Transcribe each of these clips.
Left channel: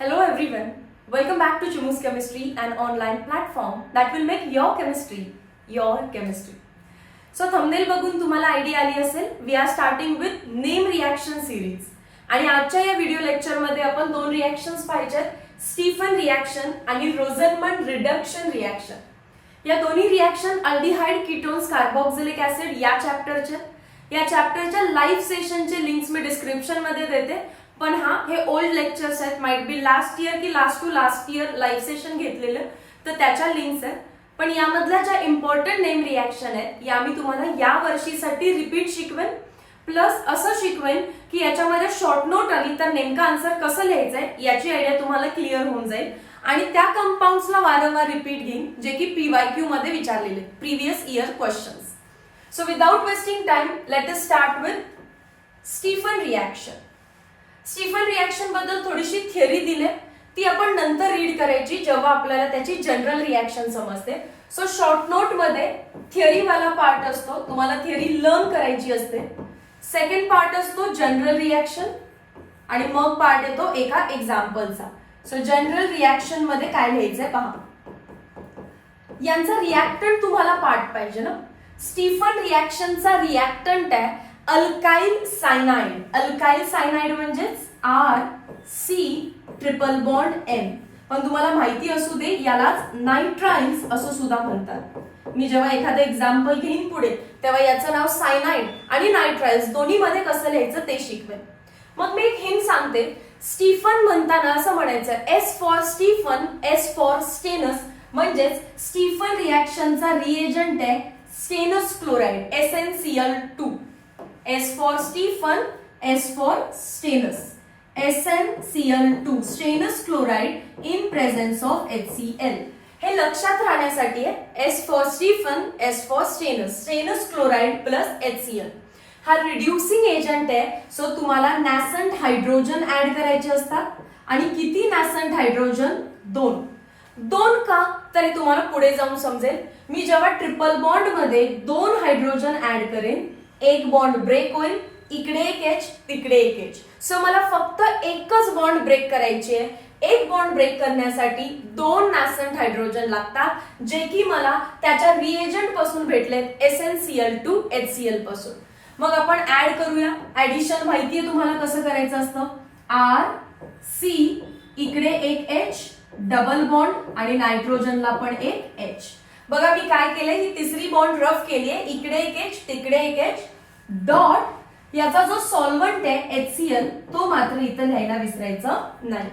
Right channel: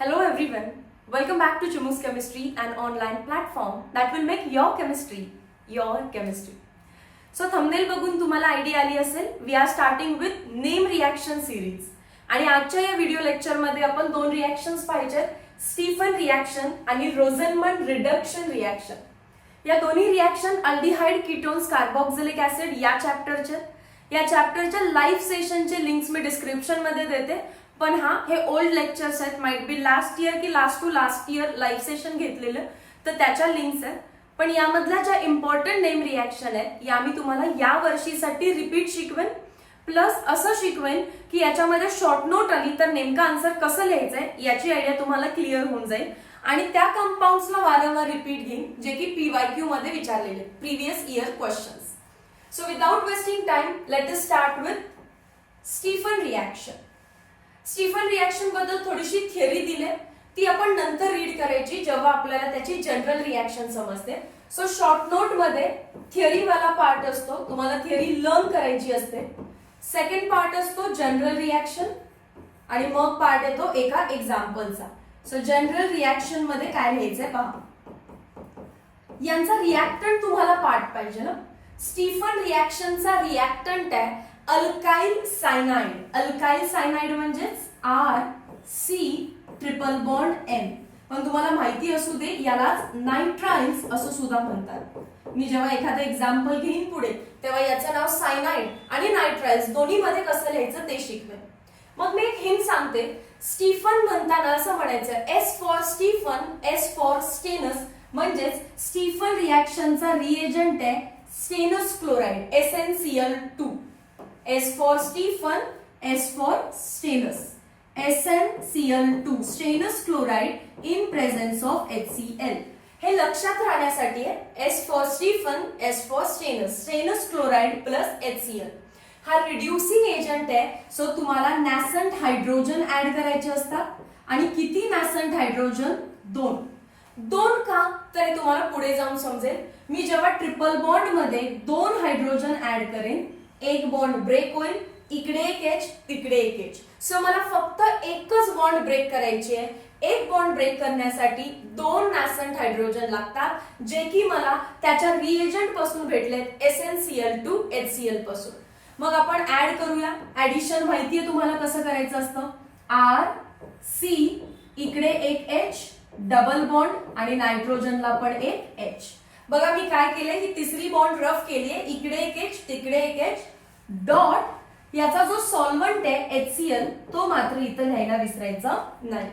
Hello everyone, welcome back to Chumu's Chemistry, an online platform that will make your chemistry your chemistry. So thumbnail बघून तुम्हाला idea आली असेल, we are starting with name reaction series. आणि आजच्या या video lecture मध्ये आपण दोन रिएक्शन्स पाहिजेत, स्टीफन रिएक्शन आणि रोझनमंड रिडक्शन रिएक्शन. या दोन्ही reaction aldehyde ketones carboxylic acid या चॅप्टरच्या लाईव्ह सेशनचे लिंक्स मी डिस्क्रिप्शन मध्ये देते. पण हे ओल्ड लेक्चर्स आहेत, माइट बी लास्ट इयर की last to last year live session घेतलेलं, तर त्याच्या लिंक्स आहेत. पण यामधल्या ज्या इम्पॉर्टंट नेम रिएक्शन आहेत या मी तुम्हाला या वर्षीसाठी रिपीट शिकवेन, प्लस असं शिकवेन की याच्यामध्ये शॉर्ट नोट आली तर नेमका आन्सर कसं लिहायचंय याची आयडिया तुम्हाला क्लिअर होऊन जाईल. आणि त्या कंपाऊंड्सला वारंवार रिपीट घेईन जे की PYQ मध्ये विचारलेले previous year questions. So without wasting time let us start with Stephen reaction. Stephen reaction बद्दल थोडीशी थिअरी दिले, ती आपण नंतर रीड करायची जेव्हा आपल्याला त्याची जनरल रिएक्शन समजते. सो शॉर्ट नोट मध्ये थिअरी वाला पार्ट असतो, तुम्हाला थिअरी लर्न करायची असते. सेकंड पार्ट असतो जनरल रिएक्शन आणि मग पार्ट येतो एका एक्झाम्पलचा. सो जनरल रिएक्शन मध्ये काय लिहायचंय पहा. यांचा रिएक्टंट तुम्हाला पार्ट पाहिजे ना. स्टीफन रिएक्शनचा रिएक्टंट आहे अल्काइल सायनाइड. अल्काइल सायनाइड म्हणजेच RC ट्रिपल बॉन्ड N. पण तुम्हाला माहिती असू दे यालाच नायट्राइल्स असं सुद्धा म्हणतात. मी जेव्हा एखादं एक्झाम्पल घेईन पुढे तेव्हा याचं नाव सायनाइड आणि नायट्राइल्स दोन्ही मध्ये कसं लिहायचं ते शिकवेन. मग मी एक हिंट सांगते. स्टीफन म्हणताना असं म्हणायचं S for Stephen, S for stannous. म्हणजेच स्टीफन रिएक्शनचा रिएजंट आहे stannous chloride SnCl2. S for Stephen, S for stannous, SnCl2 stannous chloride in presence of HCl. हे लक्षात राहण्यासाठी आहे S for Stephen, S for stannous, stannous chloride plus HCl. हा reducing agent आहे. So तुम्हाला nascent hydrogen add करायचे असतात. आणि किती नॅसंट हायड्रोजन? दोन का तर तुम्हाला पुढे जाऊन समजेल. मी जेव्हा ट्रिपल बॉन्ड मध्ये 2 हायड्रोजन ऍड करेन, एक बॉन्ड ब्रेक होईल, इकडे एक H तिकडे एक H. सो मला फक्त एकच बॉन्ड ब्रेक करायची आहे. एक बॉन्ड ब्रेक करण्यासाठी 2 नॅसंट हायड्रोजन लागतात, जे की मला त्याच्या रिएजंट पासून भेटलेत SnCl2 HCl पासून. मग आपण ऍड करूया. ऍडिशन माहितीये तुम्हाला कसं करायचं असतं. RC इकडे एक H डबल बॉन्ड आणि नायट्रोजनला पण एक H. बघा मी काय केलंय, ही तिसरी बॉन्ड रफ केलीये, इकडे एक H तिकडे एक H डॉट. याचा जो सॉल्व्हंट आहे HCl तो मात्र इथं लिहायला विसरायचा नाही.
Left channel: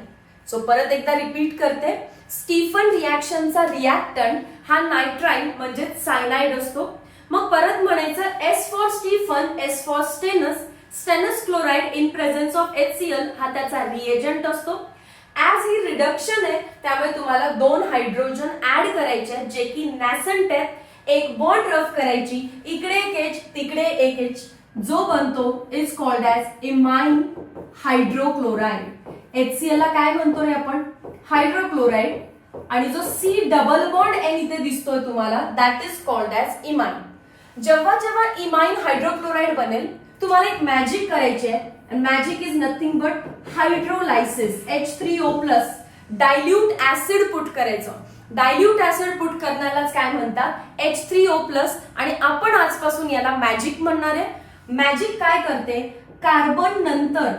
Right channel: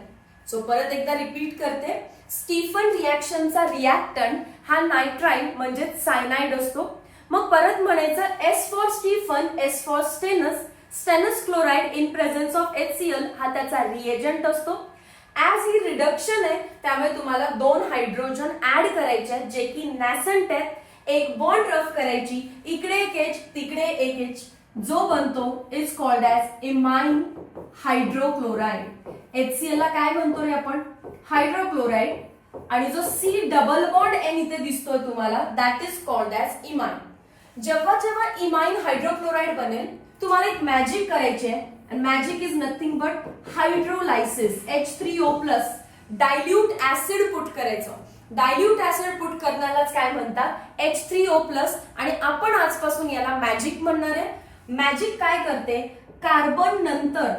सो परत एकदा रिपीट करते. स्टीफन रिएक्शनचा रिएक्टंट हा नायट्राइल म्हणजे सायनाइड असतो. मग परत म्हणायचं S for Stephen, S for stannous, stannous chloride in presence of HCl हा त्याचा रिएजंट असतो. ऍज ही रिडक्शन आहे त्यामुळे तुम्हाला 2 हायड्रोजन ऍड करायचे आहेत जे की नॅसंट आहेत. एक बॉन्ड रफ करायची, इकडे एक H तिकडे एक H, जो बनतो is called as imine hydrochloride. HCl ला काय म्हणतो रे आपण? हायड्रोक्लोराइड. आणि जो C डबल बॉन्ड N इथे दिसतोय तुम्हाला, that is called as imine. जेव्हा जेव्हा इमाइन हायड्रोक्लोराइड बनेल तुम्हाला एक मॅजिक करायची आहे. And magic is nothing but hydrolysis. H3O+. Dilute acid put करायचं. डायल्यूट ऍसिड पुट करण्यालाच काय म्हणतात? H3O+. आणि आपण आजपासून याला मॅजिक म्हणणार आहे. मॅजिक काय करते? कार्बन नंतर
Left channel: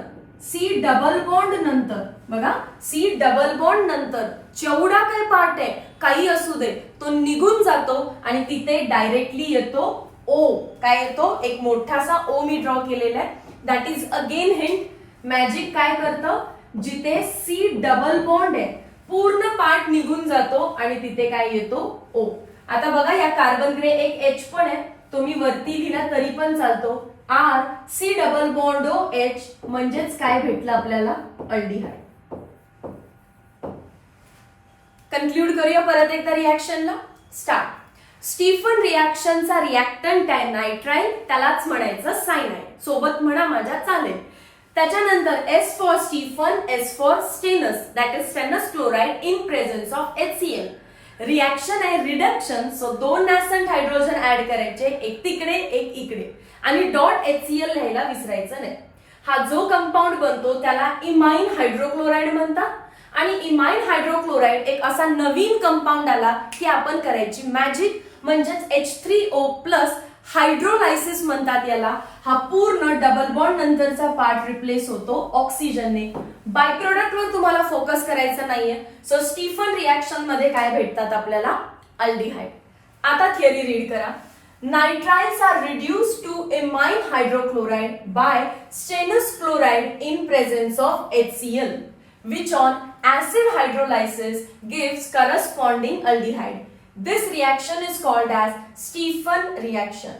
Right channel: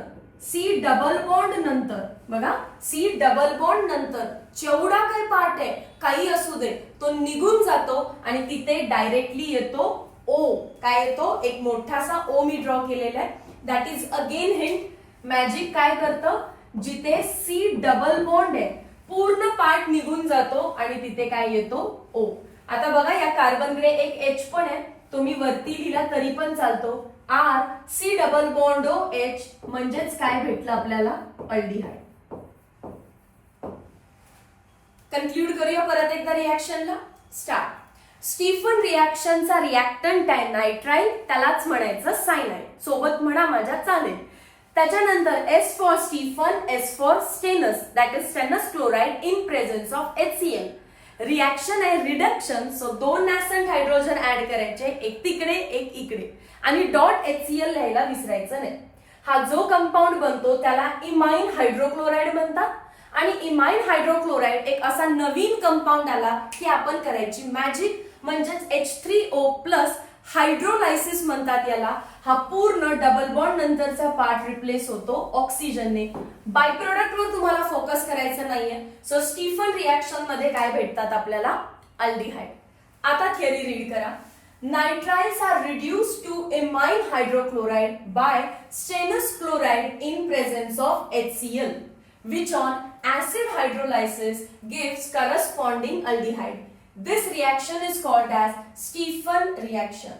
C डबल बॉन्ड नंतर, बघा C डबल बॉन्ड नंतर जेवढा काही पार्ट आहे काही असू दे तो निघून जातो आणि तिथे डायरेक्टली येतो O. काय येतो? एक मोठासा O मी ड्रॉ केलेला आहे. That is again hint. Magic काय करतं? जिथे C डबल बॉन्ड आहे पूर्ण पार्ट निघून जातो आणि तिथे काय येतो? O. आता बघा या कार्बनकडे एक H पण आहे, तो मी वरती लिहिला तरी पण चालतो. RC डबल बॉन्ड OH म्हणजेच काय भेटलं आपल्याला? अल्डिहाइड. कन्क्लूड करूया परत एकदा रिएक्शनला. स्टार्ट. स्टीफन रिएक्शनचा रिएक्टंट आहे नायट्राइल, त्यालाच म्हणायचं सायनाइड. सोबत म्हणा माझ्या चालेल. त्याच्यानंतर S for Stephen, S for stannous, that is stannous chloride in presence of HCl. Reaction आहे reduction. So 2 nascent hydrogen add करायचे, एक तिकडे एक इकडे, आणि डॉट HCl लिहायला विसरायचं नाही. हा जो कंपाऊंड बनतो त्याला इमाइन हायड्रोक्लोराइड म्हणतात. आणि इमाइन हायड्रोक्लोराईड एक असा नवीन कंपाऊंड आला की आपण करायची मॅजिक, म्हणजेच H3O प्लस हायड्रोलायसिस म्हणतात याला. हा पूर्ण डबल बॉन्ड नंतरचा पार्ट रिप्लेस होतो ऑक्सिजनने. बाय प्रोडक्ट वर तुम्हाला फोकस करायचं नाहीये. सो स्टीफन रिएक्शन मध्ये काय भेटतात आपल्याला? अल्डिहाइड. आता थिअरी रीड करा. Nitriles are reduced to imine hydrochloride by stannous chloride in presence of HCl, which on acid hydrolysis gives corresponding aldehyde. This reaction is called as Stephan reaction.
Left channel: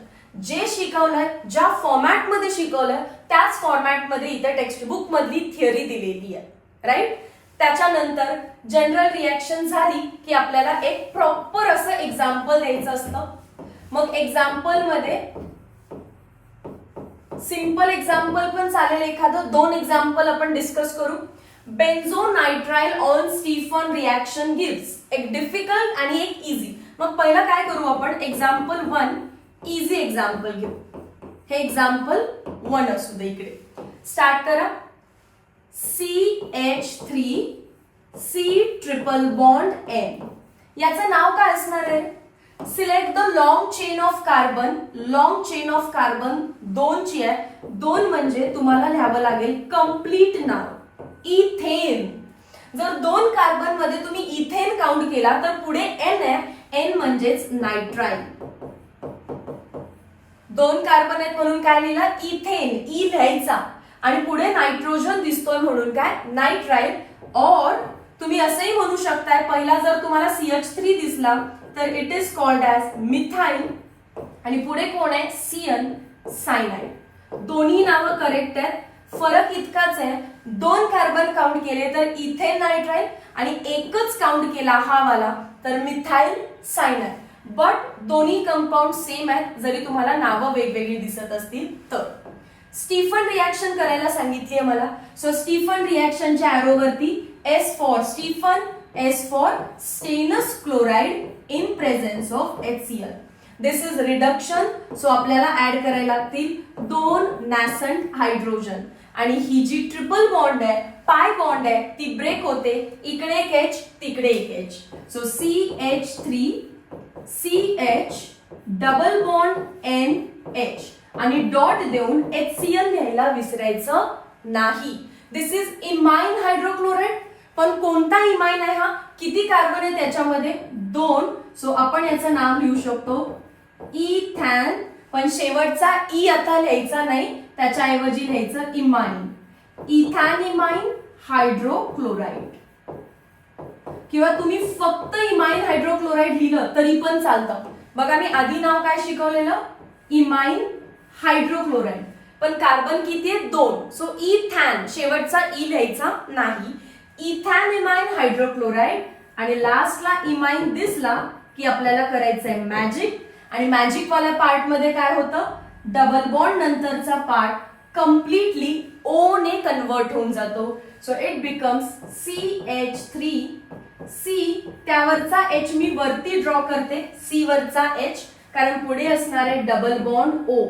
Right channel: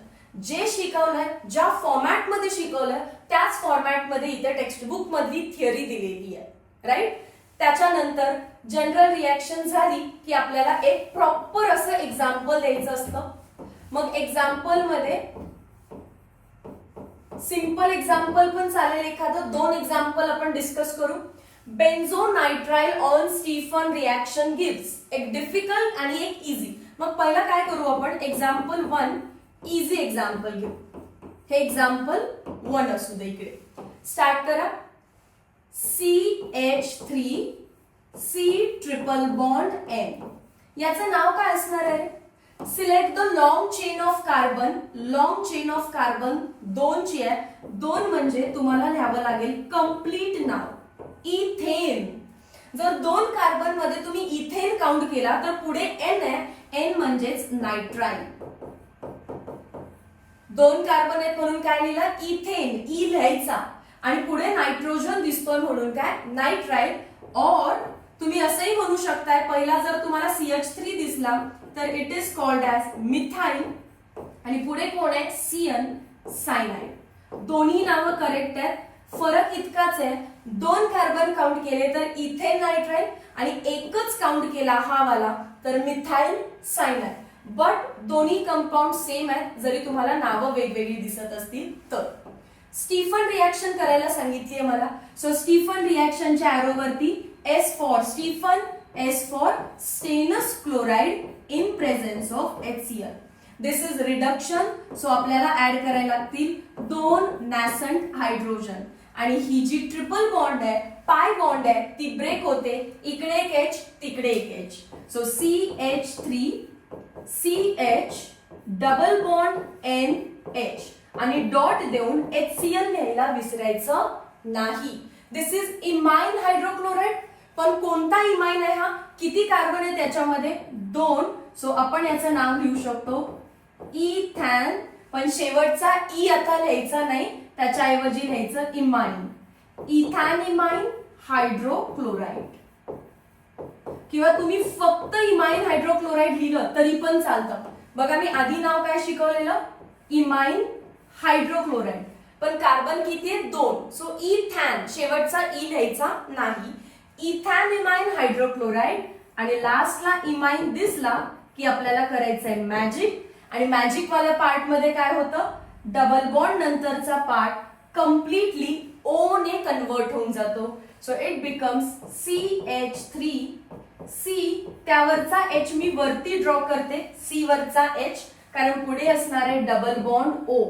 जे शिकवलंय, ज्या format मध्ये शिकवलंय त्याच format मध्ये इथे textbook मधली theory दिलेली आहे, right. त्याच्यानंतर जनरल रिएक्शन झाली की आपल्याला एक प्रॉपर असं एक्झाम्पल द्यायचं असतं. मग एक्झाम्पल मध्ये सिंपल एक्झाम्पल पण चालेल, एखादं 2 एक्झाम्पल आपण डिस्कस करू. बेन्झोनायट्राइल ऑन स्टीफन रिएक्शन गिव्स. एक डिफिकल्ट आणि एक इझी. मग पहिला काय करू आपण? एक्झाम्पल 1 इझी एक्झाम्पल घेऊ. हे एक्झाम्पल 1 असू दे. इकडे स्टार्ट करा. CH3 C triple bond N. याचं नाव काय असणार आहे? Select the long chain of carbon. Long chain of carbon 2 ची आहे. 2 म्हणजे तुम्हाला लिहावं लागेल कंप्लीट नाव इथेन. जर 2 कार्बन मध्ये तुम्ही इथेन काउंट केला तर पुढे N आहे. N म्हणजेच नायट्राइल. 2 कार्बन आहेत म्हणून काय लिहिला? इथेन. ई लिहायचा आणि पुढे नायट्रोजन दिसतोय म्हणून काय? नायट्राइल. और तुम्ही असंही म्हणू शकताय, पहिला जर तुम्हाला CH3 दिसला तर it is called as methyl आणि पुढे कोण आहे? CN cyanide. दोन्ही नावं करेक्ट आहेत. फरक इतकाच आहे, 2 कार्बन काउंट केले तर इथेन नायट्राइल आणि एकच काउंट केला हा वाला तर मिथाइल सायनाइड. बट दोन्ही कंपाऊंड सेम आहेत, जरी तुम्हाला नावं वेगवेगळी दिसत असतील तर. स्टीफन रिएक्शन करायला सांगितलीये मला. सो स्टीफन रिएक्शनच्या एरोवरती S for Stephen, S for stannous chloride in presence of HCl. This is reduction. So आपल्याला ऍड करायला लागतील 2 नॅसंट हायड्रोजन आणि ही जी ट्रिपल बॉन्ड आहे, पाय बॉन्ड आहे, ती ब्रेक होते. इकडे एक H, तिकडे एक H. So CH3 CH double bond NH आणि डॉट देऊन HCl लिहायला विसरायचं नाही. दिस इज इमाइन हायड्रोक्लोराइड. पण कोणता इमाइन आहे हा? किती कार्बन आहे त्याच्यामध्ये? 2. सो आपण याचं नाव लिहू शकतो इथॅन. पण शेवटचा ई आता लिहायचा नाही, त्याच्याऐवजी लिहायचं इमाइन. इथॅन इमाइन हायड्रोक्लोराइड. किंवा तुम्ही फक्त इमाइन हायड्रोक्लोराइड लिहिलं तरी पण चालतं. बघा मी आधी नाव काय शिकवलेलं? इमाइन हायड्रोक्लोराइड. पण कार्बन किती आहे? 2. सो इथॅन, शेवटचा ई लिहायचा नाही. इथॅन इमाइन हायड्रोक्लोराइड आणि लास्टला इमाइन दिसला की आपल्याला करायचंय मॅजिक. आणि मॅजिक वाल्या पार्ट मध्ये काय होतं? डबल बॉन्ड नंतरचा पार्ट कम्प्लिटली O ने कन्वर्ट होऊन जातो. So it becomes CH3 C. त्यावरचा H मी वरती ड्रॉ करते, C वरचा H, कारण पुढे असणार आहे डबल बॉन्ड O.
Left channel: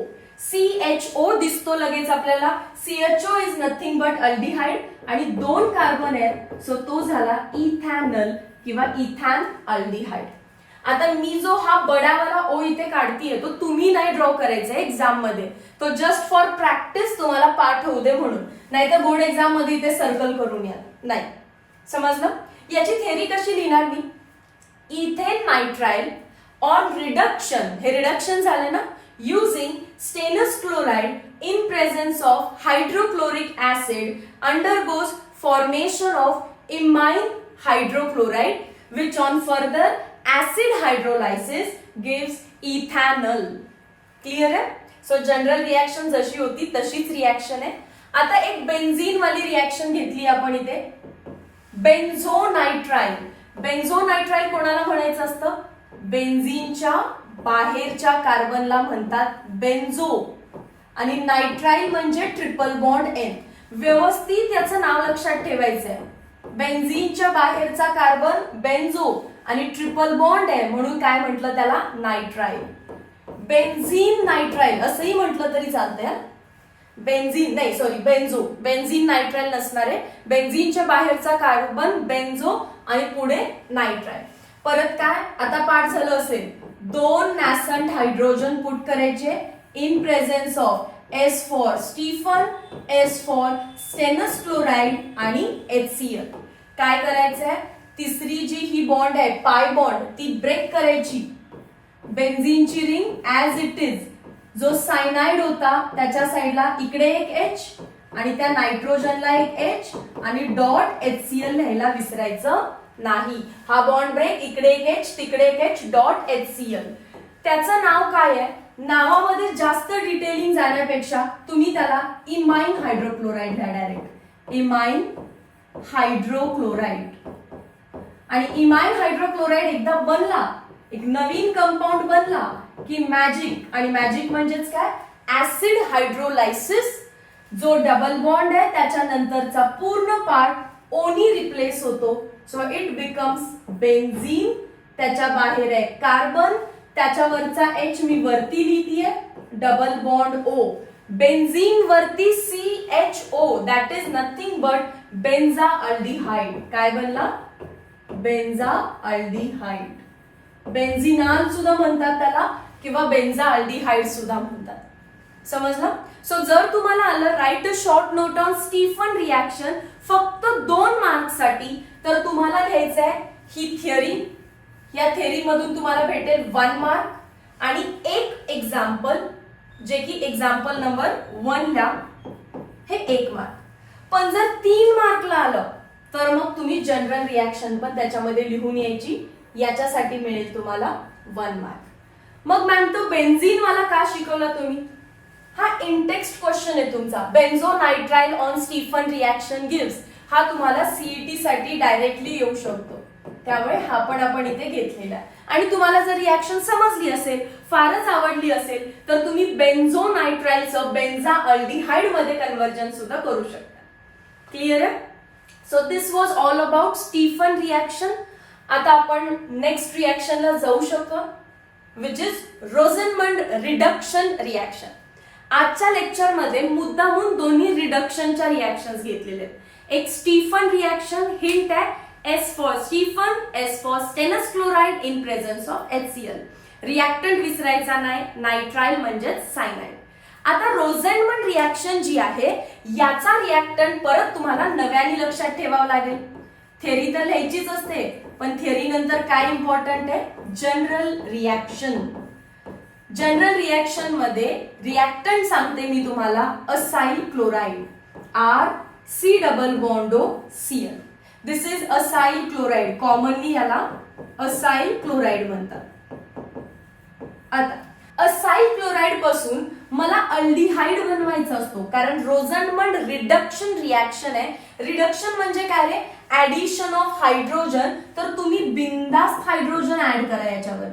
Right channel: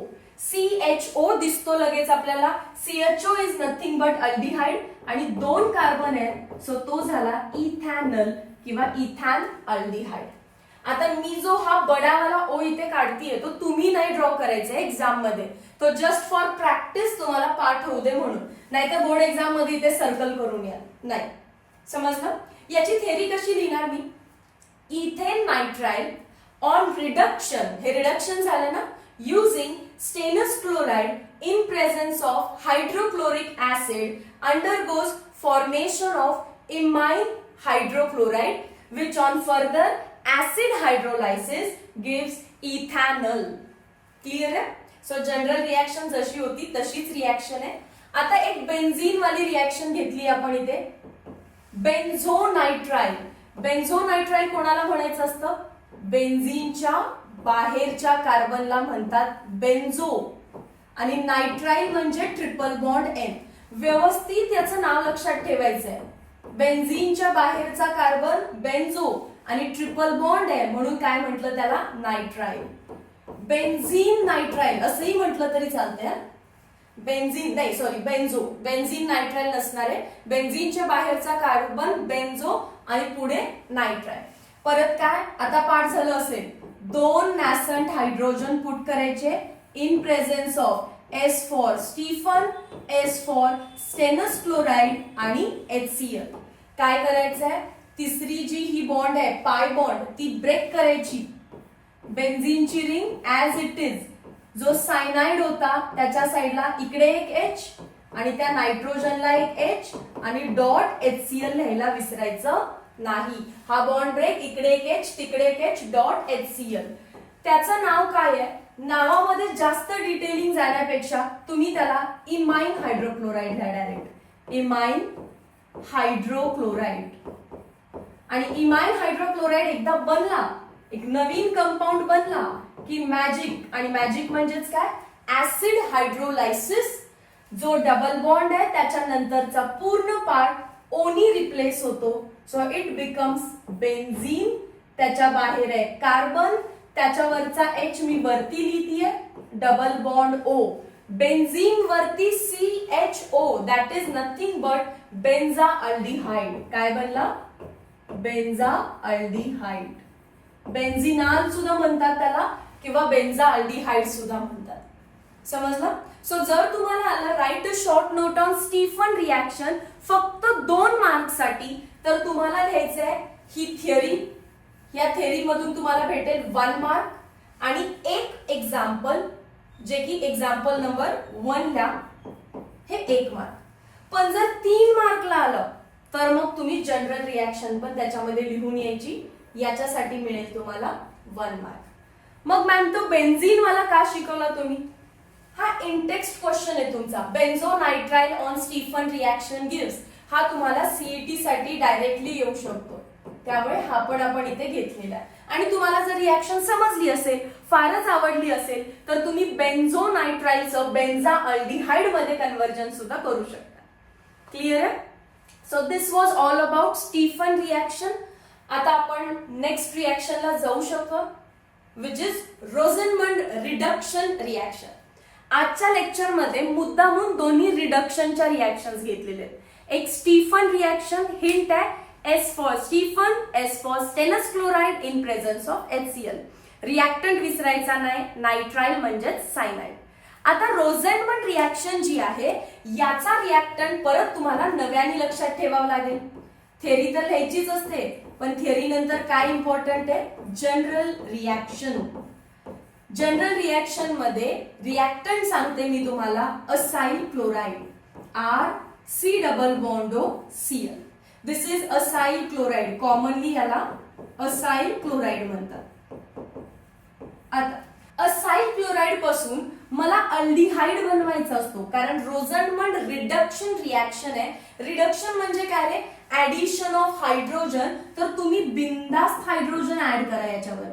CHO दिसतो लगेच आपल्याला. CHO is nothing but aldehyde आणि 2 कार्बन आहेत. सो तो झाला इथॅनल किंवा इथॅन अल्डिहाइड. आता मी जो हा बडावाला O इथे काढतीये तो तुम्ही नाही ड्रॉ करायचा एक्झाम मध्ये. तो जस्ट फॉर प्रॅक्टिस तुम्हाला पाठ होऊ दे म्हणून, नाही तर बोर्ड एक्झाम मध्ये इथे सर्कल करून या. नाही समजलं? याची थेअरी कशी लिहिणार मी? Ethane nitrile on reduction. हे रिडक्शन झालं ना? Using stannous chloride in presence of hydrochloric acid undergoes formation of imine hydrochloride, which on further acid hydrolysis gives ethanol. Clear है? So general reaction जशी होती तशीच रिएक्शन आहे. आता एक बेन्झीन वाली रिएक्शन घेतली आपण इथे. बेन्झोनायट्राइल. बेन्झोनायट्राइल कोणाला म्हणायचं असतं? बेन्झीनच्या बाहेरच्या कार्बनला म्हणतात बेन्झो आणि नायट्राइल म्हणजे ट्रिपल बॉन्ड N. व्यवस्थित याचं नाव लक्षात ठेवायचंय. बेन्झीनच्या बाहेरचा कार्बन बेन्झो आणि ट्रिपल बॉन्ड आहे म्हणून काय म्हटलं त्याला? नायट्राइल. बेन्झीन नायट्राइल असंही म्हटलं तरी चालतंय. बेन्झीन नाही सॉरी बेन्झो, बेन्झीन नायट्राइल नसणार आहे. बेन्झीनच्या बाहेरचा कार्बन बेन्झो आणि पुढे नायट्राइल. परत काय आता पाठ झालं असेल, 2 नॅसंट हायड्रोजन पुट करायचे in presence of S for Stephen, S for stannous chloride आणि HCl. काय करायचंय, तिसरी जी ही बॉन्ड आहे पाय बॉन्ड ती ब्रेक करायची. बेन्झीनची रिंग ऍज इट इज, जो सायनाइड होता त्याच्या साईडला इकडे एक H आणि त्या नायट्रोजनला एक H आणि डॉट HCl लिहायला विसरायचं नाही. हा बॉन्ड ब्रेक, इकडे एक H तिकडे एक H डॉट HCl. त्याचं नाव काय आहे, नावामध्ये जास्त डिटेलिंग जाण्यापेक्षा तुम्ही त्याला इमाइन हायड्रोक्लोराइड द्या डायरेक्ट, इमाइन हायड्रोक्लोराइड. आणि इमाइन हायड्रोक्लोराइड एकदा बनला, एक नवीन कंपाऊंड बनला की मॅजिक, आणि मॅजिक म्हणजेच काय, ऍसिड हायड्रोलायसिस. जो डबल बॉन्ड आहे त्याच्यानंतरचा पूर्ण पार्ट ओनी रिप्लेस होतो. So it becomes benzene. त्याच्या बाहेर आहे कार्बन, त्याच्यावरचा H मी वरती लिहितीये, डबल बॉन्ड O. बेन्झीन वरती CHO, that is nothing but benzaldehyde. काय बनला, बेन्झा अल्डिहाइड. बेन्झिनाल सुद्धा म्हणतात त्याला किंवा बेन्झा अल्डिहाइड सुद्धा म्हणतात. समजलं? सो जर तुम्हाला आलं write a short note on Stephen reaction फक्त 2 मार्क्स साठी, तर तुम्हाला लिहायचं आहे ही थिअरी. या थिअरी मधून तुम्हाला भेटेल 1 मार्क आणि एक एक्झाम्पल, जे की एक्झाम्पल नंबर 1 ला हे 1 मार्क. पण जर 3 मार्कला आलं तर मग तुम्ही जनरल रिॲक्शन पण त्याच्यामध्ये लिहून यायची, याच्यासाठी मिळेल तुम्हाला 1 मार्क. मग मॅम तो बेन्झीन वाला का शिकवला तुम्ही, हा इंटेक्स्ट क्वेश्चन आहे तुमचा. Benzonitrile on Stephen reaction gives, हा तुम्हाला सीईटी साठी डायरेक्टली येऊ शकतो. त्यामुळे हा पण आपण इथे घेतलेला आहे. आणि तुम्हाला जर रिॲक्शन समजली असेल, फारच आवडली असेल, तर तुम्ही बेन्झो नायट्राइलचं बेन्झा अल्डिहाइड मध्ये कन्व्हर्जन सुद्धा करू शकता. क्लिअर आहे? So this was all about Stephen reaction. आता आपण नेक्स्ट रिॲक्शनला जाऊ शकतो, which is Rosenmund reduction reaction. आजच्या लेक्चरमध्ये मुद्दामून दोन्ही रिडक्शनच्या रिॲक्शन्स घेतलेले आहेत. एक स्टीफन रिॲक्शन, हिंट आहे S for Stephen, S for stannous chloride in presence of HCl. Reactant विसरायचा नाही, नायट्राइल म्हणजेच सायनाइड. आता रोझनमंड रिॲक्शन जी आहे याचा रिॲक्टंट परत तुम्हाला नव्याने लक्षात ठेवावं लागेल. थिअरी तर लिहायचीच असते, पण थिअरी नंतर काय इम्पॉर्टंट आहे, जनरल रिॲक्शन. जनरल रिॲक्शन मध्ये रिॲक्टंट सांगते मी तुम्हाला acyl chloride, RC double bond O Cl. This is acyl chloride, commonly याला असाइल क्लोराइड म्हणतात. आता असाइल क्लोराइड पासून मला अल्डिहाइड बनवायचा असतो, कारण रोझनमंड रिडक्शन रिॲक्शन आहे. रिडक्शन म्हणजे काय रे, ऍडिशन ऑफ हायड्रोजन. तर तुम्ही बिनधास्त हायड्रोजन ऍड करा याच्यावर.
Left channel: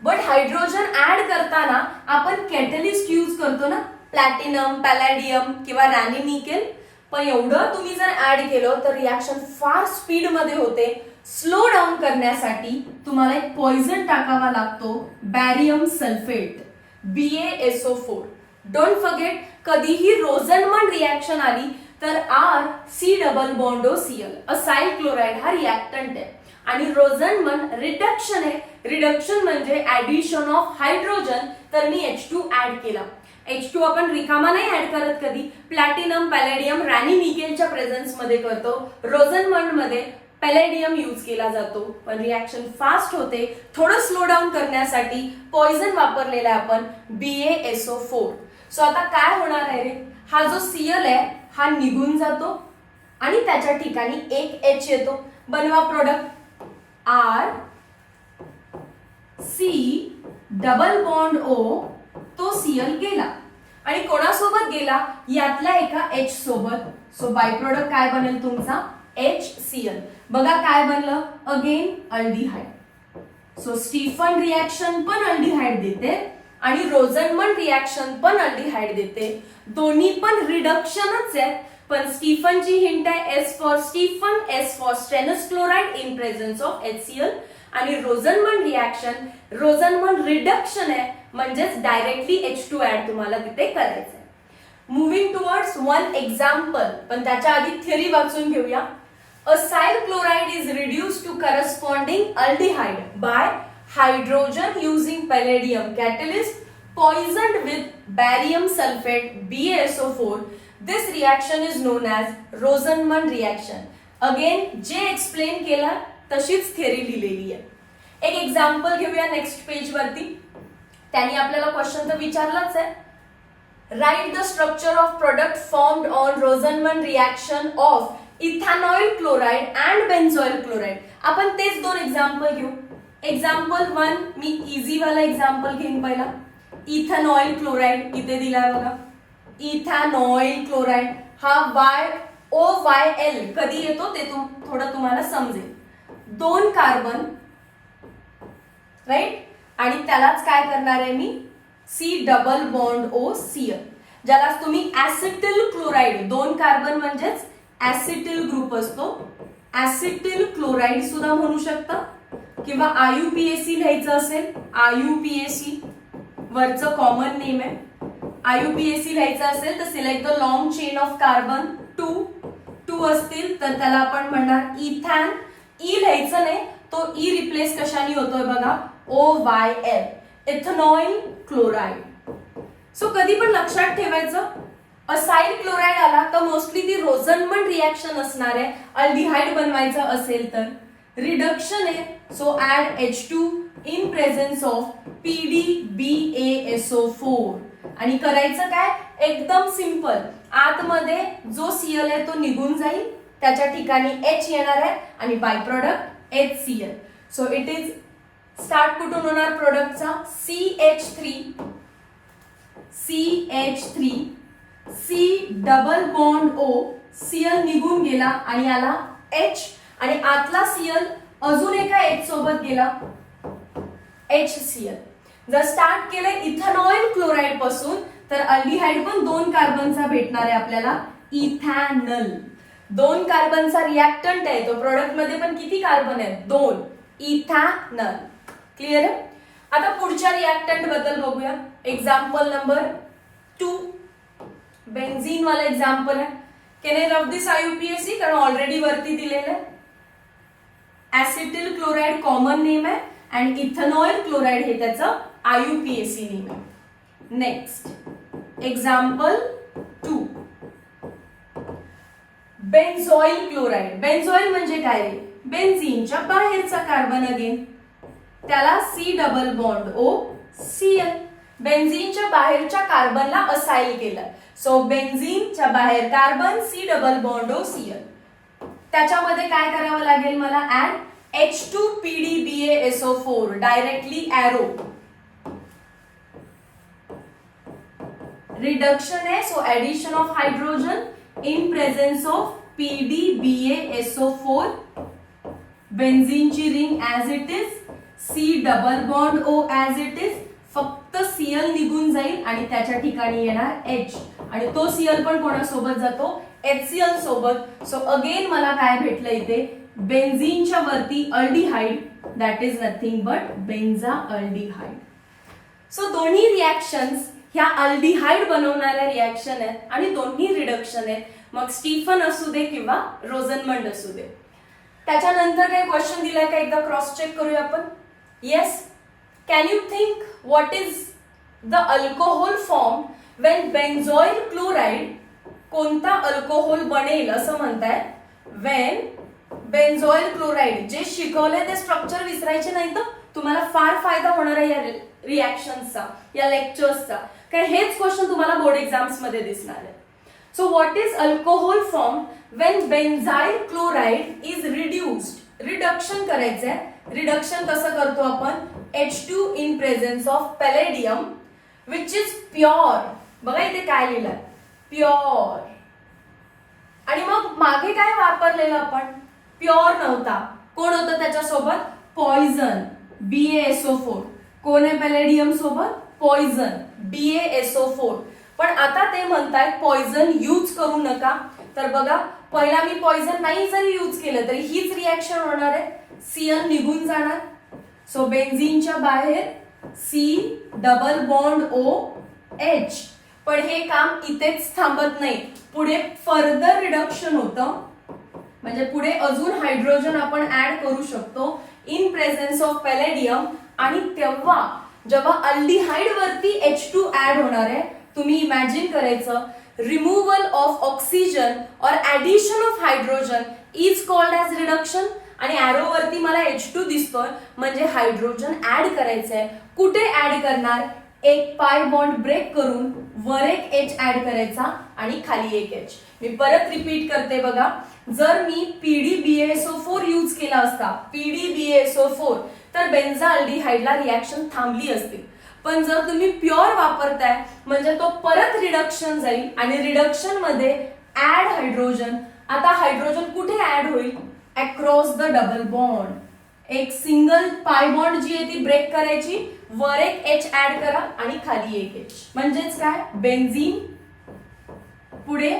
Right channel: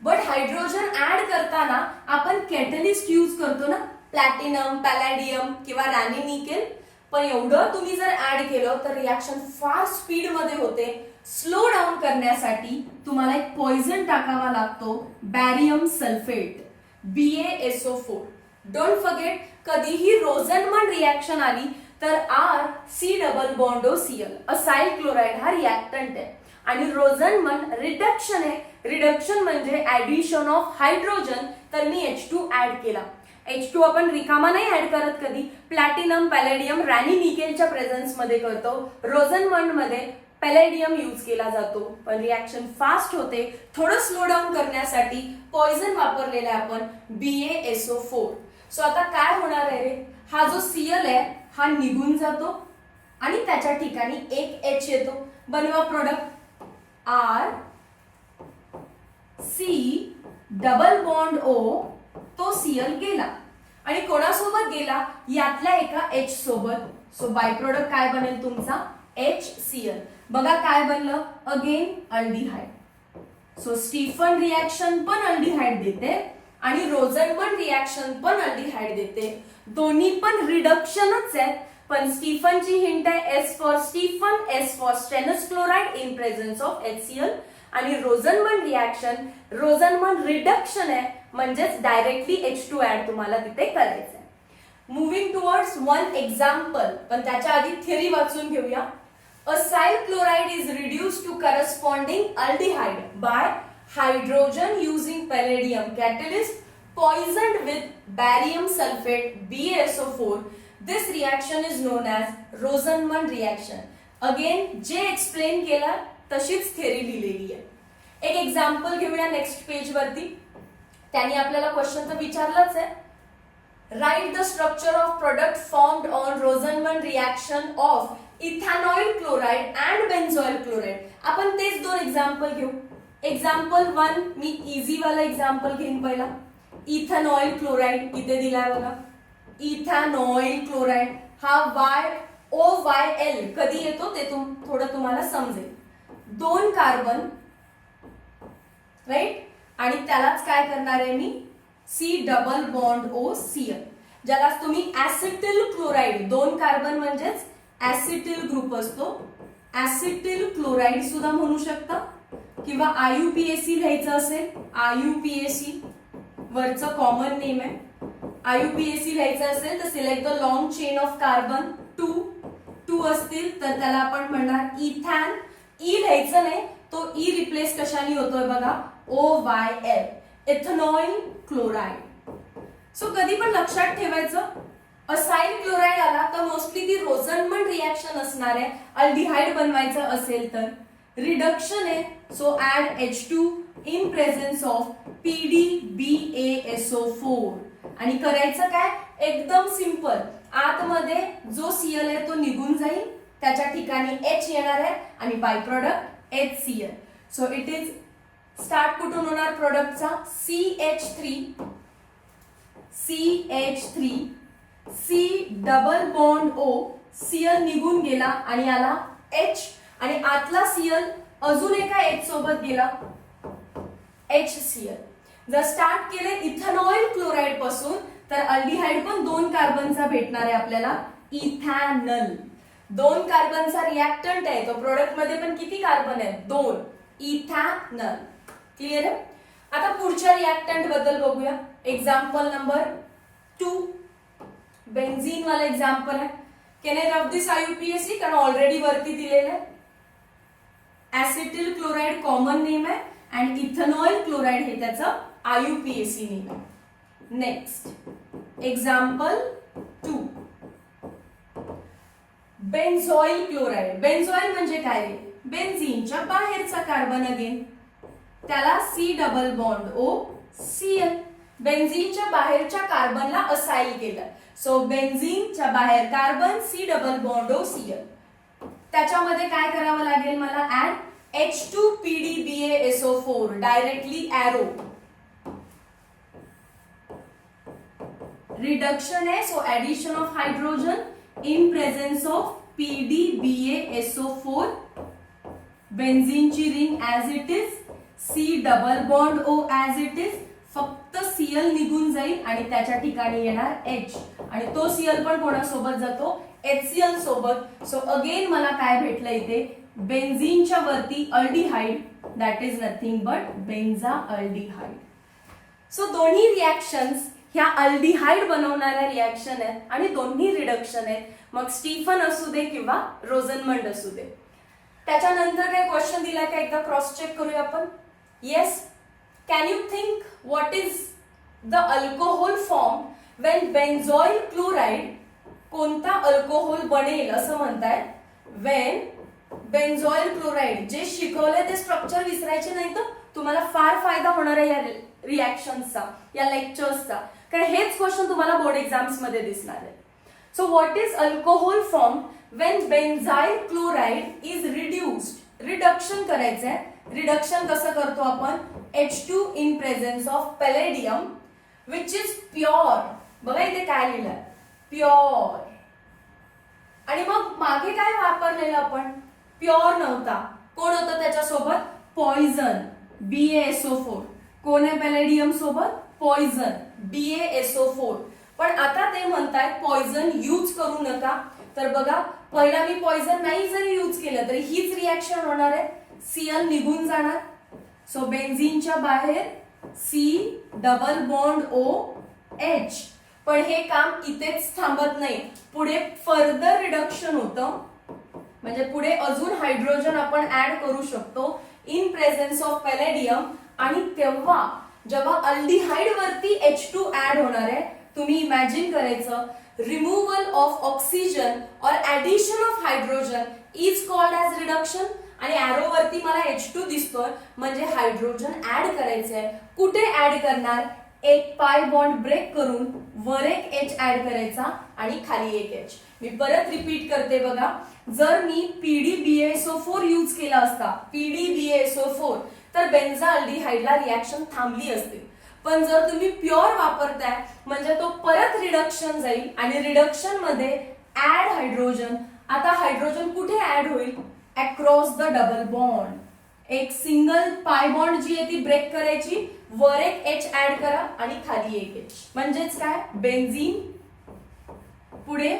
बट हायड्रोजन ऍड करताना आपण कॅटलिस्ट यूज करतो ना, प्लॅटिनम, पॅलॅडियम किंवा रॅनी निकेल. पण एवढं तुम्ही जर ऍड केलं तर रिॲक्शन फार स्पीड मध्ये होते. स्लो डाऊन करण्यासाठी तुम्हाला एक पॉइझन टाकावा लागतो, बॅरियम सल्फेट, BaSO4. डोंट फॉरगेट, कधीही रोझनमंड रिॲक्शन आली तर RC double bond O Cl, acyl chloride हा रिॲक्टंट आहे. आणि रोझनमंड रिडक्शन आहे. रिडक्शन म्हणजे ऍडिशन ऑफ हायड्रोजन. तर मी H2 ऍड केला. H2 आपण रिकामा नाही ऍड करत कधी, प्लॅटिनम, पॅलेडियम, रॅनी निकेलच्या प्रेझेन्स मध्ये करतो. रोझनमंड मध्ये पॅलेडियम यूज केला जातो, पण रिॲक्शन फास्ट होते. थोडं स्लो डाऊन करण्यासाठी पॉइझन वापरलेला आहे आपण, BaSO4. सो आता काय होणार आहे रे, हा जो Cl आहे हा निघून जातो आणि त्याच्या ठिकाणी एक H येतो. बनवा product, RC double bond O, तो Cl गेला आणि कोणासोबत गेला, यातल्या एका H सोबत. सो बाय प्रोडक्ट काय बनेल तुमचा, HCl. बघा काय बनलं, again aldehyde. So Stephen reaction पण अल्डिहाइड देते आणि रोझनमंड रिॲक्शन पण अल्डिहाइड देते. दोन्ही पण रिडक्शनच आहेत, पण स्टीफनची हिंट आहे S for Stephen, S for stannous chloride in presence of HCl. आणि रोझनमंड रिॲक्शन, रोझनमंड रिडक्शन आहे, म्हणजेच डायरेक्टली H2 ऍड तुम्हाला तिथे करायचं आहे. मुव्हिंग टुवर्ड्स वन एक्झाम्पल, पण त्याच्या आधी थिअरी वाचून घेऊया. Acyl chloride is reduced to corresponding aldehyde by hydrogen using palladium catalyst poisoned with barium sulfate BaSO4. This reaction is known as Rosenmund reaction. Again, जे एक्सप्लेन केलं तशीच theory लिहिलेली आहे. एक एक्झाम्पल घेऊया नेक्स्ट पेज वरती. त्यांनी आपल्याला क्वेश्चन तर विचारलाच आहे. Write the structure of product formed on Rosenmund reaction of ethanoyl chloride and benzoyl chloride. आपण तेच दोन एक्झाम्पल घेऊ. एक्झाम्पल 1 मी इझी वाला एक्झाम्पल घेईन पहिला. इथेनॉइल क्लोराइड इथे दिलाय बघा. इथेनॉइल क्लोराइड हा YOYL कधी येतो ते थोडं तुम्हाला समजेल. 2 कार्बन राईट, आणि त्यालाच काय करणार आहे मी C डबल बॉन्ड OCl, ज्याला तुम्ही ऍसिटिल क्लोराइड, 2 कार्बन म्हणजेच ऍसिटिल ग्रुप असतो, ऍसिटिल क्लोराइड सुद्धा म्हणू शकता, किंवा IUPAC लिहायचं असेल IUPAC वरचं कॉमन नेम आहे. IUPAC लिहायचं असेल तर select the long chain of carbon 2 असतील तर त्याला आपण म्हणणार इथॅन. ई लिहायचं नाही, तो ई रिप्लेस कशाने होतोय बघा OYL, इथेनॉइल क्लोराइड. सो कधी पण लक्षात ठेवायचं असाइल क्लोराइड आला तर मोस्टली ती रोझनमंड रिएक्शन असणार आहे. अल्डिहाइड बनवायचं असेल तर रिडक्शन आहे, so add H2 in presence of PDBaSO4. आणि करायचं काय एकदम सिंपल, आतमध्ये जो Cl आहे तो निघून जाईल, त्याच्या ठिकाणी H येणार आहे आणि by product HCl. So it is start कुठून होणार प्रोडक्टचा CH3 C double bond O, Cl निघून गेला आणि आला H, आणि आतला Cl अजून एका H सोबत गेला HCl. जर स्टार्ट केलंय इथेनॉइल क्लोराइड पासून तर अल्डिहाइड पण 2 कार्बनचा भेटणार आहे आपल्याला इथॅनल. 2 कार्बनचा रिएक्टंट आहे तो. प्रोडक्ट मध्ये पण किती कार्बन आहेत 2, इथॅनल. क्लिअर आहे. आता पुढच्या रिएक्टंट बद्दल बघूया. एक्झाम्पल नंबर 2 बेन्झीन वाला एक्झाम्पल आहे. Can I rub this IUPAC कारण ऑलरेडी वरती दिलेलं आहे. ऍसिटिल क्लोराइड कॉमन नेम आहे आणि इथेनॉइल क्लोराइड हे त्याचं IUPAC नेम आहे. Next example 2 benzoyl chloride. Benzoyl म्हणजे काय, बेन्झीनच्या बाहेरचा कार्बन अगेन, त्याला C डबल बॉन्ड OCl. बेन्झीनच्या बाहेरच्या कार्बनला असाइल केलं, सो बेन्झीनच्या बाहेर carbon C double bond OCl. त्याच्यामध्ये काय करावं लागेल मला add H2 PDBaSO4 directly arrow. Reduction है, so addition of hydrogen in presence of PDBaSO4. बेन्झीनची ring as it is, C double bond O as it is, फक्त Cl निघून जाईल आणि त्याच्या ठिकाणी येणार H, आणि तो Cl पण कोणासोबत जातो HCl सोबत. सो अगेन मला काय भेटलं इथे बेन्झीनच्या वरती aldehyde, that is nothing but benzaldehyde. So दोन्ही रिएक्शन्स ह्या अल्डिहाइड बनवणाऱ्या रिएक्शन आहेत आणि दोन्ही रिडक्शन आहेत, मग स्टीफन असू दे किंवा रोझनमंड असू दे. त्याच्यानंतर काही क्वेश्चन दिलाय का एकदा क्रॉस चेक करूया आपण. Yes, can you think what is the alcohol form when benzoyl chloride, कोणता अल्कोहोल बनेल असं म्हणताय वेन बेन्झोइल क्लोराइड. जे शिकवलंय ते स्ट्रक्चर विसरायचे नाही तर तुम्हाला फार फायदा होणार आहे या रिएक्शन्सचा, या लेक्चर्सचा, कारण हेच क्वेश्चन तुम्हाला बोर्ड एक्झाम्स मध्ये दिसणार आहे. So what is alcohol form when benzyl chloride is reduced. Reduction करायचंय. रिडक्शन कसं करतो आपण H2 in presence of palladium which is pure. बघा इथे काय लिहिलंय प्युअर, आणि मग मागे काय वापरलेलं आपण प्युअर नव्हता. कोण होतं त्याच्यासोबत पॉइझन BaSO4. कोण आहे पॅलेडियम सोबत पॉइझन BaSO4. पण आता ते म्हणतायत पॉइझन यूज करू नका. तर बघा पहिला मी पॉइझन नाही जरी यूज केलं तरी हीच रिएक्शन होणार आहे, Cl निघून जाणार. सो बेन्झीनच्या बाहेर C डबल बॉन्ड OH, पण हे काम इथेच थांबत नाही, पुढे फर्दर रिडक्शन होतं, म्हणजे पुढे अजून हायड्रोजन आपण ऍड करू शकतो इन प्रेझेन्स ऑफ पॅलेडियम. आणि तेव्हा जेव्हा अल्डिहाइड वरती H2 ऍड होणार आहे, तुम्ही इमॅजिन करायचं, रिमूव्हल ऑफ ऑक्सिजन और addition of hydrogen is called as reduction. आणि ॲरो वरती मला H2 दिसतोय, म्हणजे हायड्रोजन ऍड करायचंय. कुठे ऍड करणार? एक पाय बॉन्ड ब्रेक करून वर एक H ऍड करायचा आणि खाली एक H. मी परत रिपीट करते बघा, जर मी PDBaSO4 यूज केला असता, PDBaSO4, तर बेन्झाल्डिहाइडला रिॲक्शन थांबली असती. पण जर तुम्ही प्युअर वापरताय, म्हणजे तो परत रिडक्शन जाईल आणि रिडक्शन मध्ये ऍड हायड्रोजन. आता हायड्रोजन कुठे ऍड होईल? Across the double bond. एक सिंगल पाय बॉन्ड जी आहे ती ब्रेक करायची, वर एक H ऍड करा आणि खाली एक H. म्हणजेच काय? बेन्झीन, पुढे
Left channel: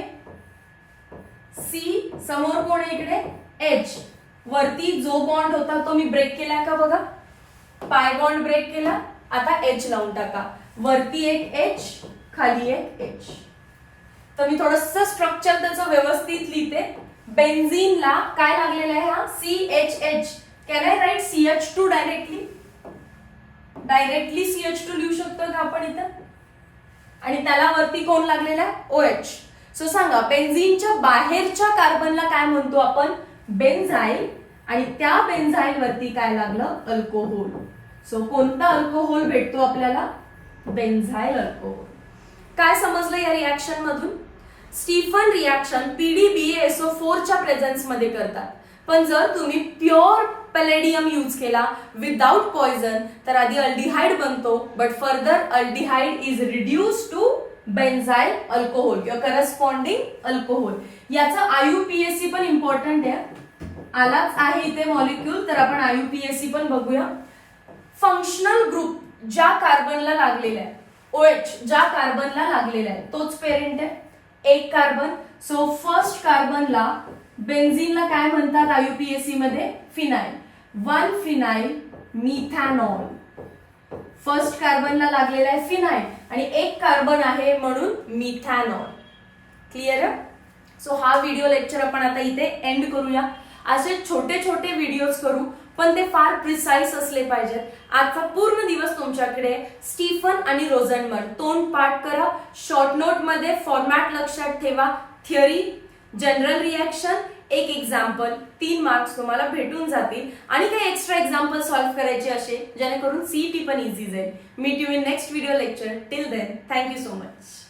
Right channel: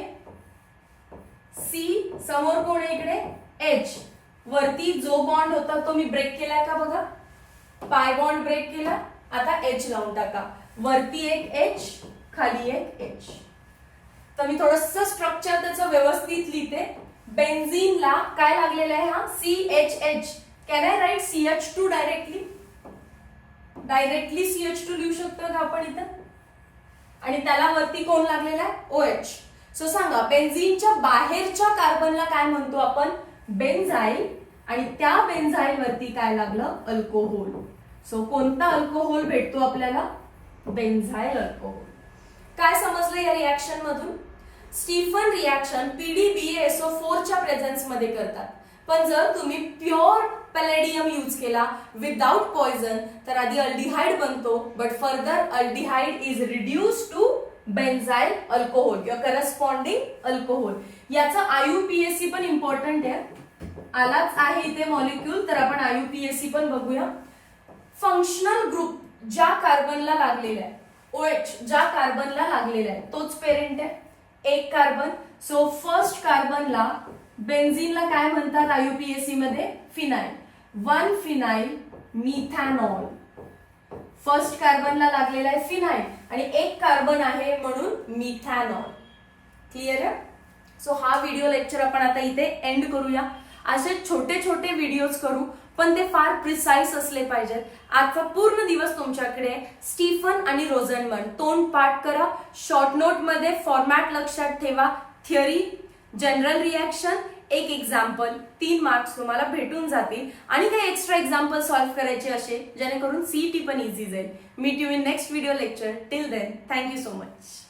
C, समोर कोण आहे इकडे? H. वरती जो बॉन्ड होता तो मी ब्रेक केलाय का बघा, पाय बॉन्ड ब्रेक केला. आता H लावून टाका, वरती एक H, खाली एक H. तर मी थोडस स्ट्रक्चर त्याचं व्यवस्थित लिहिते. बेन्झीनला काय लागलेलं आहे? हा CHH. Can I write CH2 directly? Directly CH2 लिहू शकतो का आपण इथं? आणि त्याला वरती कोण लागलेला आहे? OH. सो सांगा, बेन्झीनच्या बाहेरच्या कार्बनला काय म्हणतो आपण? बेन्झाईल. आणि त्या बेन्झाईल वरती काय लागलं? अल्कोहोल. सो कोणता अल्कोहोल भेटतो आपल्याला? बेन्झाईल अल्कोहोल. काय समजलं या रिॲक्शन मधून? स्टीफन रिॲक्शन PDBaSO4 च्या प्रेझेन्स मध्ये करतात. पण जर तुम्ही प्युअर पॅलेडियम यूज केला विदाउट पॉइझन, तर आधी अल्डिहाइड बनतो, but further aldehyde is reduce to benzyl alcohol किंवा करस्पॉन्डिंग अल्कोहोल. याचा IUPAC पण इम्पॉर्टंट आहे. आलाच आहे इथे मॉलिक्यूल, तर आपण IUPAC पण बघूया. फंक्शनल ग्रुप ज्या कार्बनला लागलेला आहे, OH ज्या कार्बनला लागलेला आहे, तोच पेरेंट आहे, एक कार्बन. सो फर्स्ट कार्बनला, बेन्झीनला काय म्हणतात IUPAC मध्ये? फिनाइल. 1 phenyl methanol. फर्स्ट कार्बनला लागलेला आहे फिनाइल आणि एक कार्बन आहे म्हणून मिथॅनॉल. क्लिअर आहे? सो हा व्हिडिओ लेक्चर आपण आता इथे एंड करूया. असे छोटे छोटे व्हिडिओज करू, पण ते फार प्रिसाइज असले पाहिजेत. आजचा पूर्ण दिवस तुमच्याकडे स्टीफन आणि रोझनबर्ग तोंड पाठ करा. शॉर्ट नोट मध्ये फॉर्मॅट लक्षात ठेवा. थिअरी, जनरल रिॲक्शन, एक एक्झाम्पल, 3 मार्क्स तुम्हाला भेटून जातील. आणि काही एक्स्ट्रा एक्झाम्पल सॉल्व्ह करायचे असे जेणेकरून CET पण इझी जाईल. Meet you in next video lecture. Till then, thank you so much.